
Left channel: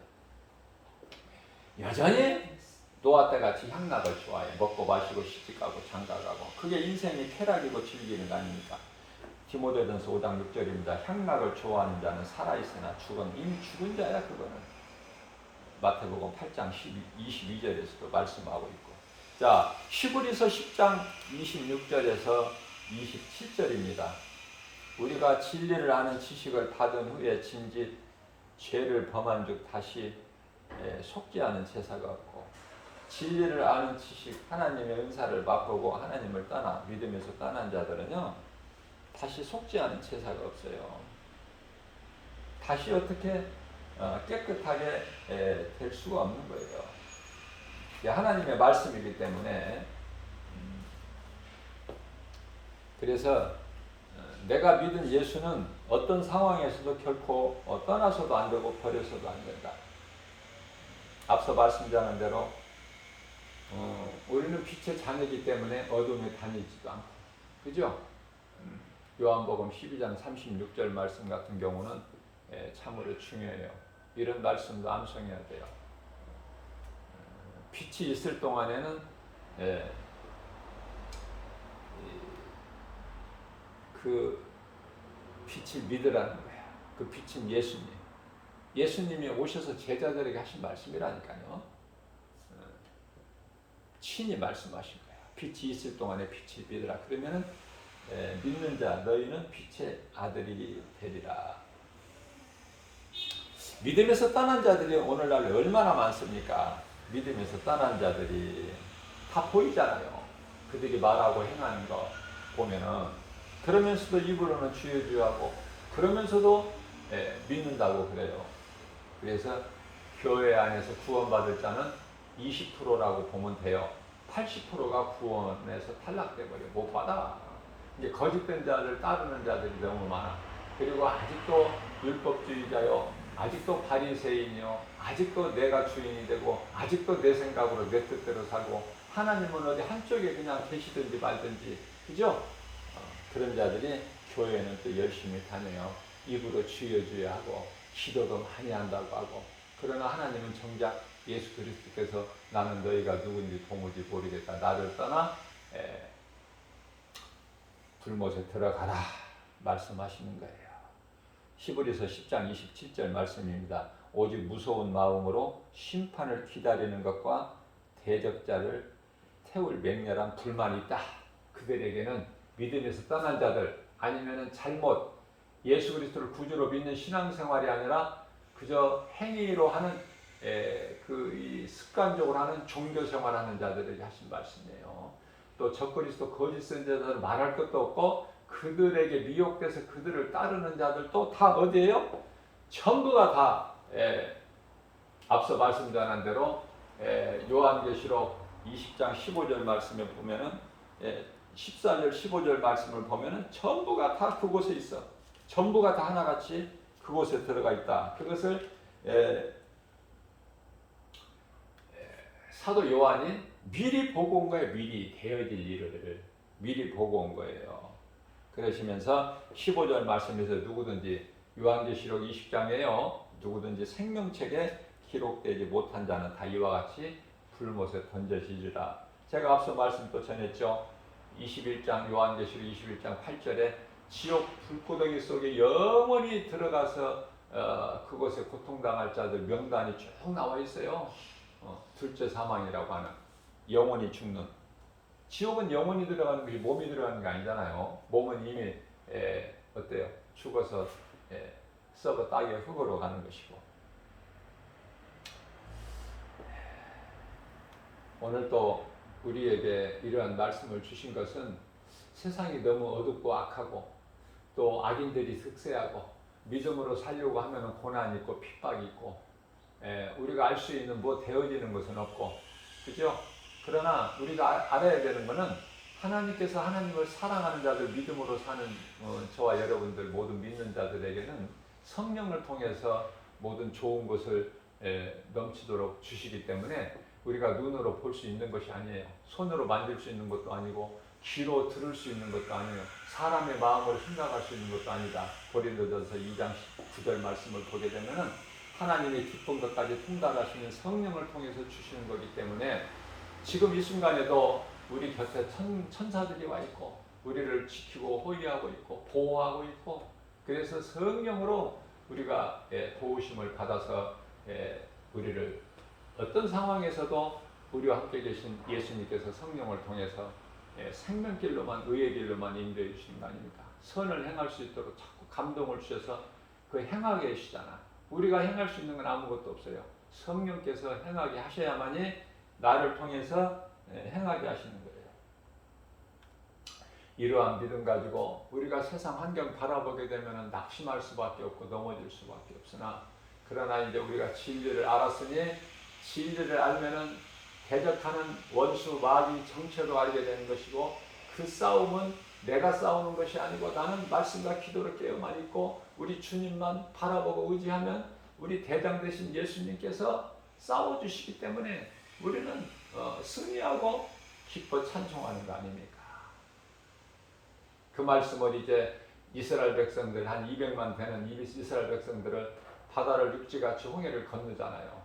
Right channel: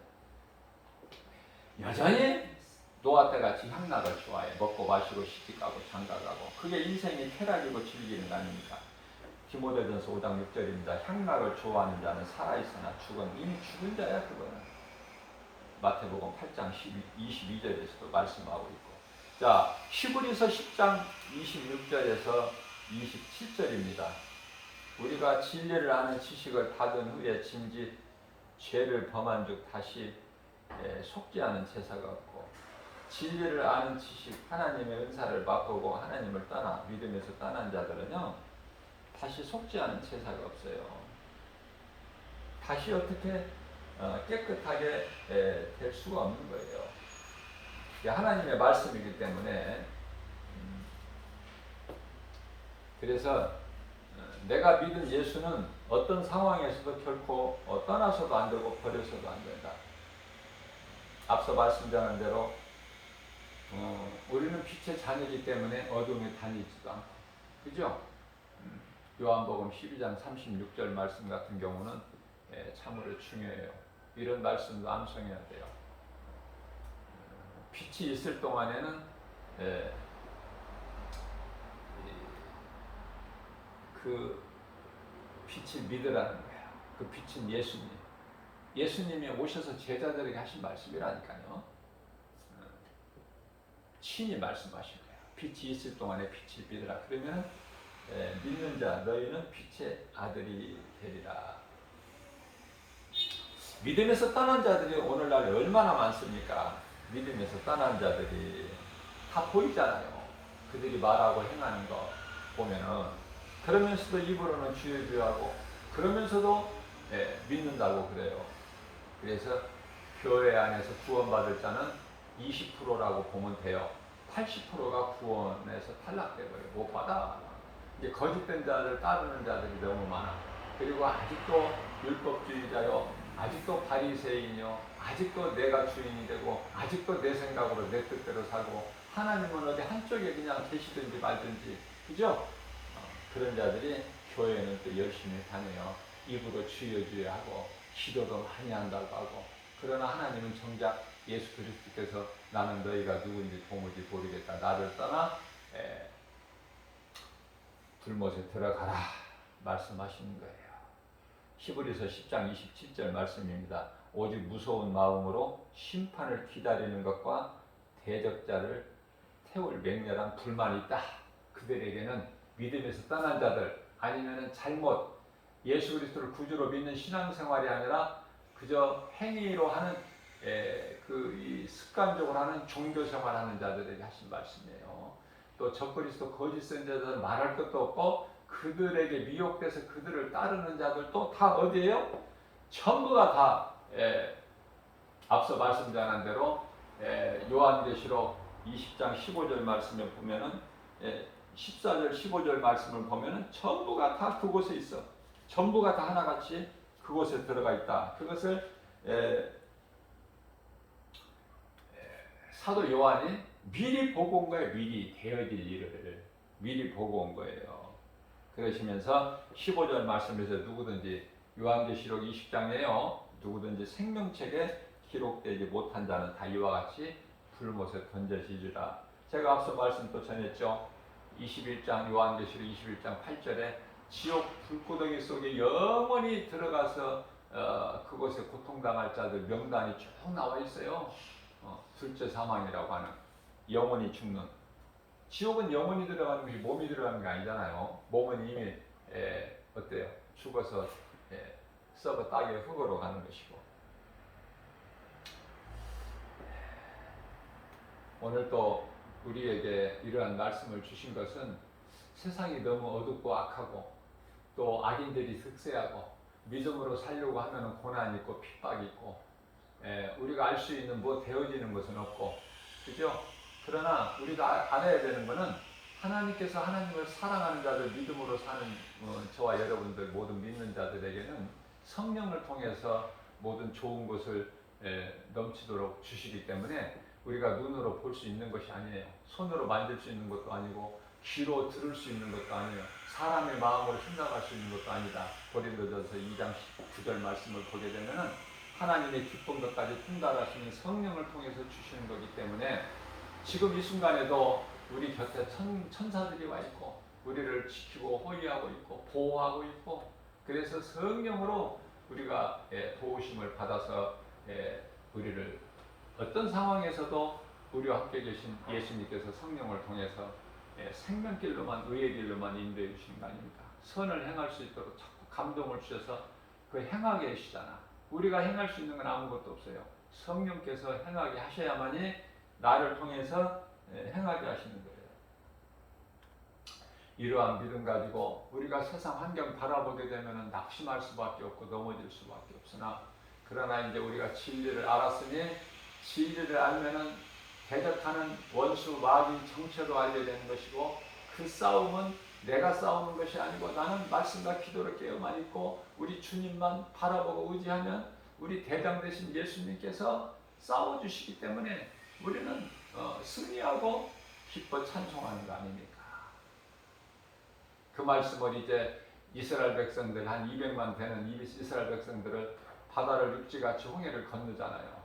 여전히 노아 때 같이 향락을 좋아해. 먹고 마시고 시집가고 장가가고. 그게 인생의 쾌락이고 즐기는 거 아닙니까? 디모데전서 5장 6절입니다. 향락을 좋아하는 자는 살아있으나 이미 죽은 자야 그거는. 마태복음 8장 22절에서도 말씀하고 있고. 자, 히브리서 10장 26절에서 27절입니다. 우리가 진리를 아는 지식을 받은 후에 짐짓 죄를 범한 즉 다시 속지 않은 제사가 없고 진리를 아는 지식 하나님의 은사를 맛보고 하나님을 떠나 믿음에서 떠난 자들은요 다시 속지 않은 제사가 없어요. 다시 어떻게 깨끗하게 될 수가 없는 거예요. 하나님의 말씀이기 때문에 그래서 내가 믿은 예수는 어떤 상황에서도 결코 떠나서도 안 되고 버려서도 안 된다. 앞서 말씀드린 대로 우리는 빛의 자녀이기 때문에 어둠에 다니지도 않고 그죠? 요한복음 12장 36절 말씀 같은 경우는 참으로 중요해요. 이런 말씀도 암송해야 돼요. 빛이 있을 동안에는 그 빛을 믿으라는 거야. 그 빛은 예수님. 예수님이 오셔서 제자들에게 하신 말씀이라니까요. 친히 말씀하신 거야. 빛이 있을 동안에 빛을 믿으라. 그러면은 믿는 자 너희는 빛의 아들이 되리라. 믿음에서 떠난 자들이 오늘날 얼마나 많습니까? 믿음에서 떠난 자들이 다 보이잖아요. 그들이 말하고 행하는 거 보면은 그러면서도 입으로는 주여 주여 하고 그러면서도 믿는다고 그래요. 그래서 교회 안에서 구원받을 자는 20%라고 보면 돼요. 80%가 구원에서 탈락돼버려. 못 받아. 이게 거짓된 자를 따르는 자들이 너무 많아. 그리고 아직도 율법주의자요. 아직도 바리새인이요. 아직도 내가 주인이 되고 아직도 내 생각으로 내 뜻대로 살고 하나님은 어디 한쪽에 그냥 계시든지 말든지 그죠? 그런 자들이 교회는 또 열심히 다녀요. 입으로 주여 주여 하고 기도도 많이 한다고 하고 그러나 하나님은 정작 예수 그리스도께서 나는 너희가 누군지 도무지 모르겠다. 나를 떠나 불못에 들어가라 말씀하시는 거예요. 히브리서 10장 27절 말씀입니다. 오직 무서운 마음으로 심판을 기다리는 것과 대적자를 태울 맹렬한 불만이 있다. 그들에게는 믿음에서 떠난 자들 아니면은 잘못 예수 그리스도를 구주로 믿는 신앙생활이 아니라 그저 행위로 하는 이 습관적으로 하는 종교생활하는 자들에게 하신 말씀이에요. 또 적그리스도 거짓 선지자들은 말할 것도 없고 그들에게 미혹돼서 그들을 따르는 자들도 다 어디예요? 전부가 다 앞서 말씀드린 대로 요한계시록 20장 15절 말씀을 보면은 14절 15절 말씀을 보면은 전부가 다 그곳에 있어. 전부가 다 하나같이 그곳에 들어가 있다. 그것을 사도 요한이 미리 보고 온 거예요. 미리 되어질 일을 미리 보고 온 거예요. 그러시면서 15절 말씀에서 누구든지 요한계시록 20장에요. 누구든지 생명책에 기록되지 못한 자는 다 이와 같이 불못에 던져지리라. 제가 앞서 말씀 또 전했죠. 21장 요한계시록 21장 8절에 지옥 불구덩이 속에 영원히 들어가서 그곳에 고통당할 자들 명단이 쭉 나와 있어요. 둘째 사망이라고 하는 영원히 죽는. 지옥은 영원히 들어가는 것이 몸이 들어가는 게 아니잖아요. 몸은 이미 어때요? 죽어서 썩어 땅의 흙으로 가는 것이고. 오늘 또 우리에게 이러한 말씀을 주신 것은 세상이 너무 어둡고 악하고 또 악인들이 득세하고 믿음으로 살려고 하면 고난 있고 핍박 있고 우리가 알 수 있는 뭐 되어지는 것은 없고 그죠? 그러나 우리가 알아야 되는 것은 하나님께서 하나님을 사랑하는 자들 믿음으로 사는 저와 여러분들 모든 믿는 자들에게는 성령을 통해서 모든 좋은 것을 넘치도록 주시기 때문에 우리가 눈으로 볼 수 있는 것이 아니에요. 손으로 만질 수 있는 것도 아니고 귀로 들을 수 있는 것도 아니에요. 사람의 마음으로 생각할 수 있는 것도 아니다. 고린도전서 2장 9절 말씀을 보게 되면은 하나님의 기쁜 것까지 통달하시는 성령을 통해서 주시는 거기 때문에 지금 이 순간에도 우리 곁에 천사들이 와 있고 우리를 지키고 호위하고 있고 보호하고 있고 그래서 성령으로 우리가 도우심을 받아서 우리를 어떤 상황에서도 우리와 함께 계신 예수님께서 성령을 통해서 생명길로만 의의 길로만 인도해 주시는 거 아닙니까? 선을 행할 수 있도록 자꾸 감동을 주셔서 그 행하게 해주시잖아. 우리가 행할 수 있는 건 아무것도 없어요. 성령께서 행하게 하셔야만이 나를 통해서 행하게 하시는 거예요. 이러한 믿음 가지고 우리가 세상 환경 바라보게 되면 낙심할 수밖에 없고 넘어질 수밖에 없으나 그러나 이제 우리가 진리를 알았으니 진리를 알면은 대적하는 원수 마귀 정체로 알려야 되는 것이고 그 싸움은 내가 싸우는 것이 아니고 나는 말씀과 기도를 깨어만 있고 우리 주님만 바라보고 의지하면 우리 대장 되신 예수님께서 싸워주시기 때문에 우리는 승리하고 기뻐 찬송하는 거 아닙니까? 그 말씀을 이제 이스라엘 백성들 한 200만 되는 이스라엘 백성들을 바다를 육지같이 홍해를 건너잖아요.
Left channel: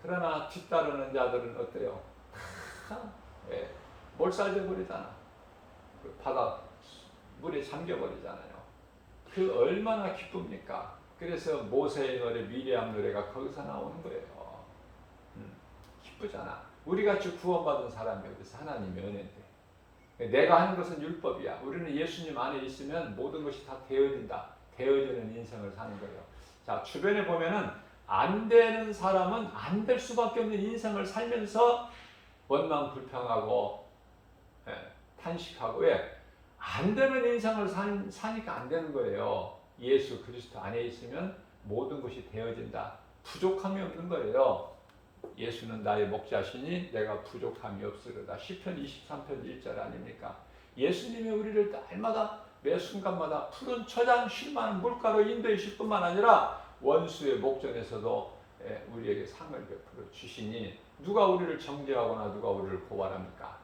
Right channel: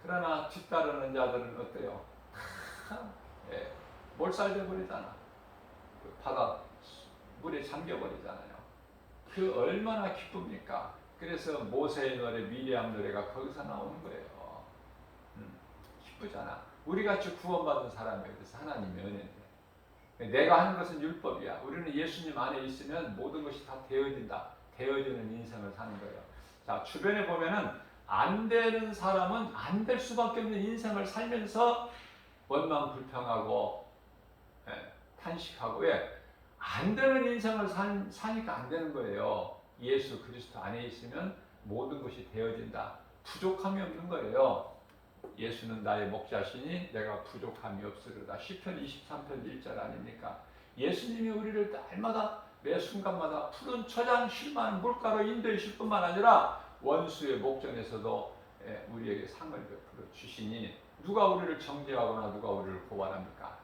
그러나 뒤따르는 자들은 어때요? 몰살돼 버리잖아. 그 바다 물에 잠겨버리잖아요. 그 얼마나 기쁩니까? 그래서 모세의 노래, 미리암 노래가 거기서 나오는 거예요. 기쁘잖아. 우리 같이 구원받은 사람이 어디서 하나님의 은혜인데. 내가 하는 것은 율법이야. 우리는 예수님 안에 있으면 모든 것이 다 되어진다. 되어지는 인생을 사는 거예요. 자, 주변에 보면은 안 되는 사람은 안 될 수밖에 없는 인생을 살면서 원망 불평하고 탄식하고 안 되는 인생을 사니까 안 되는 거예요. 예수 그리스도 안에 있으면 모든 것이 되어진다. 부족함이 없는 거예요. 예수는 나의 목자시니 내가 부족함이 없으리다. 시편 23편 1절 아닙니까? 예수님이 우리를 날마다 매 순간마다 푸른 초장 쉴만한 물가로 인도하실 뿐만 아니라 원수의 목전에서도 우리에게 상을 베풀어 주시니 누가 우리를 정죄하거나 누가 우리를 고발합니까?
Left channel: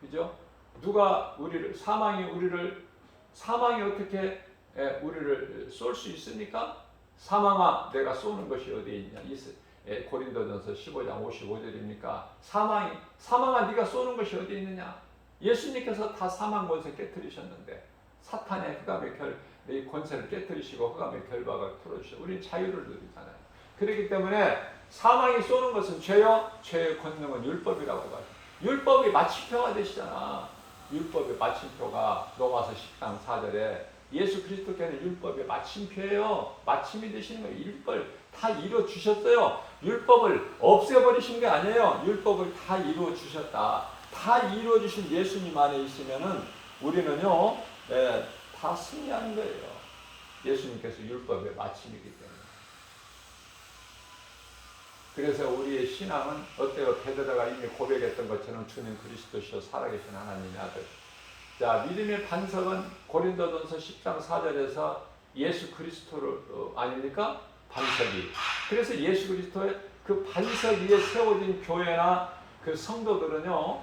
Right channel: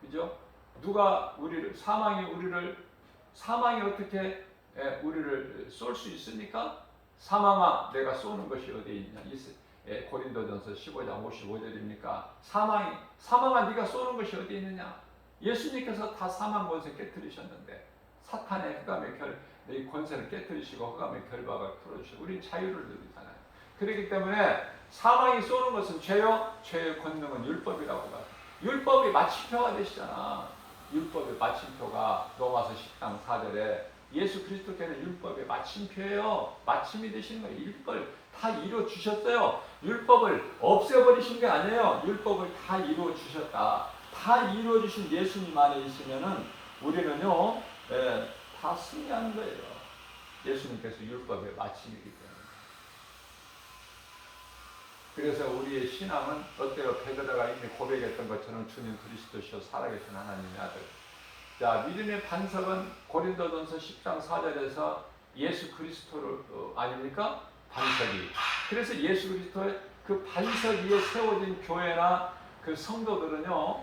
그죠? 누가 우리를 사망이 어떻게 우리를 쏠 수 있습니까? 사망아 내가 쏘는 것이 어디에 있냐? 고린도전서 15장 55절입니까? 사망아 네가 쏘는 것이 어디 있느냐? 예수님께서 다 사망 권세 깨뜨리셨는데 사탄의 흑암의 권세를 깨뜨리시고 흑암의 결박을 풀어주시고 우리는 자유를 누리잖아요. 그렇기 때문에 사망이 쏘는 것은 죄요. 죄의 권능은 율법이라고 봐요. 율법이 마침표가 되시잖아. 율법의 마침표가 로마서 10장 4절에 예수 그리스도께는 율법의 마침표예요. 마침이 되시는 거예요. 율법을 다 이루어 주셨어요. 율법을 없애버리신 게 아니에요. 율법을 다 이루어 주셨다. 다 이루어 주신 예수님 안에 있으면은 우리는요, 다 승리하는 거예요. 예수님께서 율법의 마침이기 때문에. 그래서 우리의 신앙은 어때요? 베드로가 이미 고백했던 것처럼 주는 그리스도시요 살아계신 하나님의 아들. 자, 믿음의 반석은 고린도전서 10장 4절에서 예수 그리스도를 아닙니까? 반석이. 그래서 예수 그리스도의 그 반석 위에 세워진 교회나 그 성도들은요,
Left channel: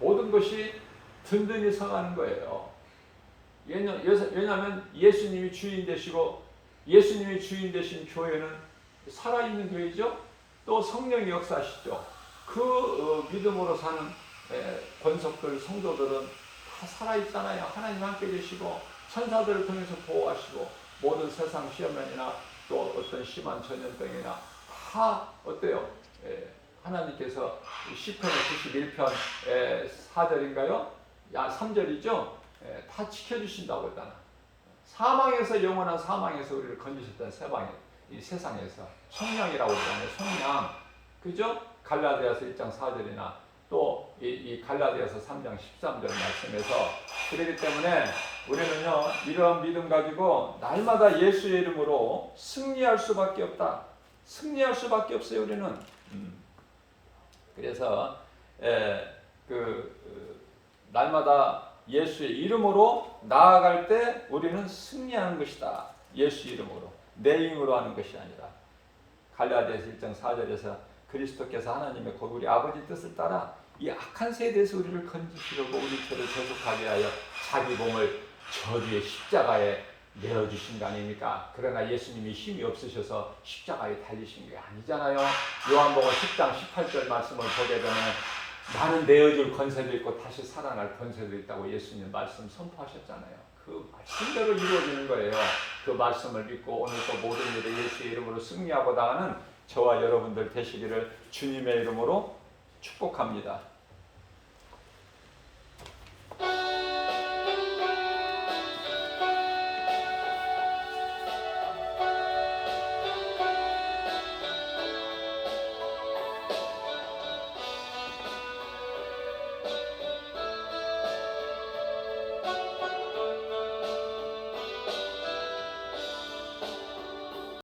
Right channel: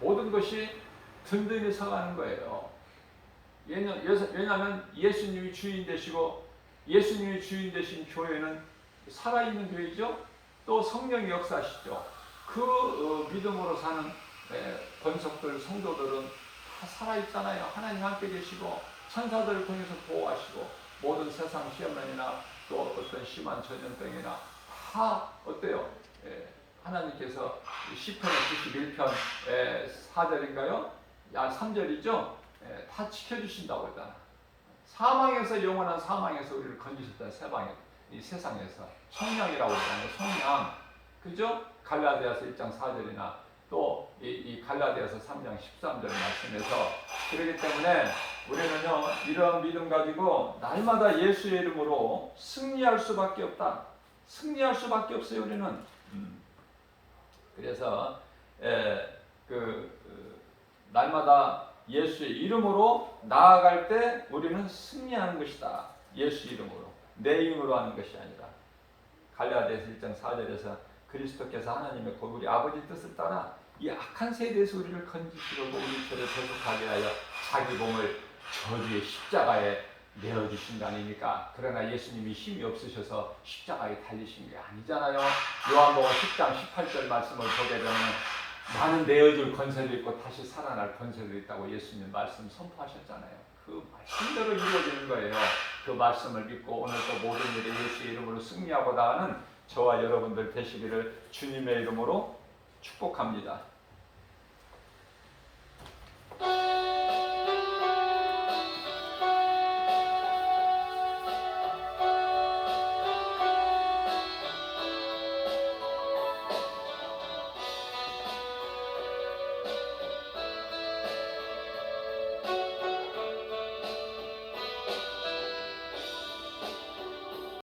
모든 것이 든든히 서가는 거예요. 왜냐하면 예수님이 주인 되시고 예수님이 주인 되신 교회는 살아있는 교회죠. 또 성령이 역사하시죠. 그 믿음으로 사는 권석들, 성도들은 다 살아있잖아요. 하나님 함께 계시고 천사들을 통해서 보호하시고 모든 세상 시험이나 또 어떤 심한 전염병이나 다 어때요? 하나님께서 시편 91편 4절인가요? 3절이죠? 다 지켜주신다고 했잖아. 사망에서 영원한 사망에서 우리를 건지셨다는 이 세상에서 성령이라고 그러잖아요. 성령. 그죠? 갈라디아서 1장 4절이나 또 이 갈라디아서 3장 13절 말씀에서 그렇기 때문에 우리는요 이러한 믿음 가지고 날마다 예수의 이름으로 승리할 수밖에 없다. 승리할 수밖에 없어요 우리는. 그래서 날마다 예수의 이름으로 나아갈 때 우리는 승리하는 것이다. 예수 이름으로 내 힘으로 하는 것이 아니라 갈라디아서 1장 4절에서 그리스도께서 하나님의 곧 우리 아버지 뜻을 따라 이 악한 세대에서 우리를 건지시려고 우리처럼 대속하게 하여 자기 몸을 저주의 십자가에 내어주신 거 아닙니까? 그러나 예수님이 힘이 없으셔서 십자가에 달리신 게 아니잖아요. 요한복음 10장 18절 말씀을 보게 되면 나는 내어줄 권세도 있고 다시 살아날 권세도 있다고 예수님 말씀 선포하셨잖아요. 그 말씀대로 이루어지는 거예요. 그 말씀을 믿고 오늘 또 모든 일에 예수의 이름으로 승리하고 나가는 저와 여러분들 되시기를 주님의 이름으로 축복합니다.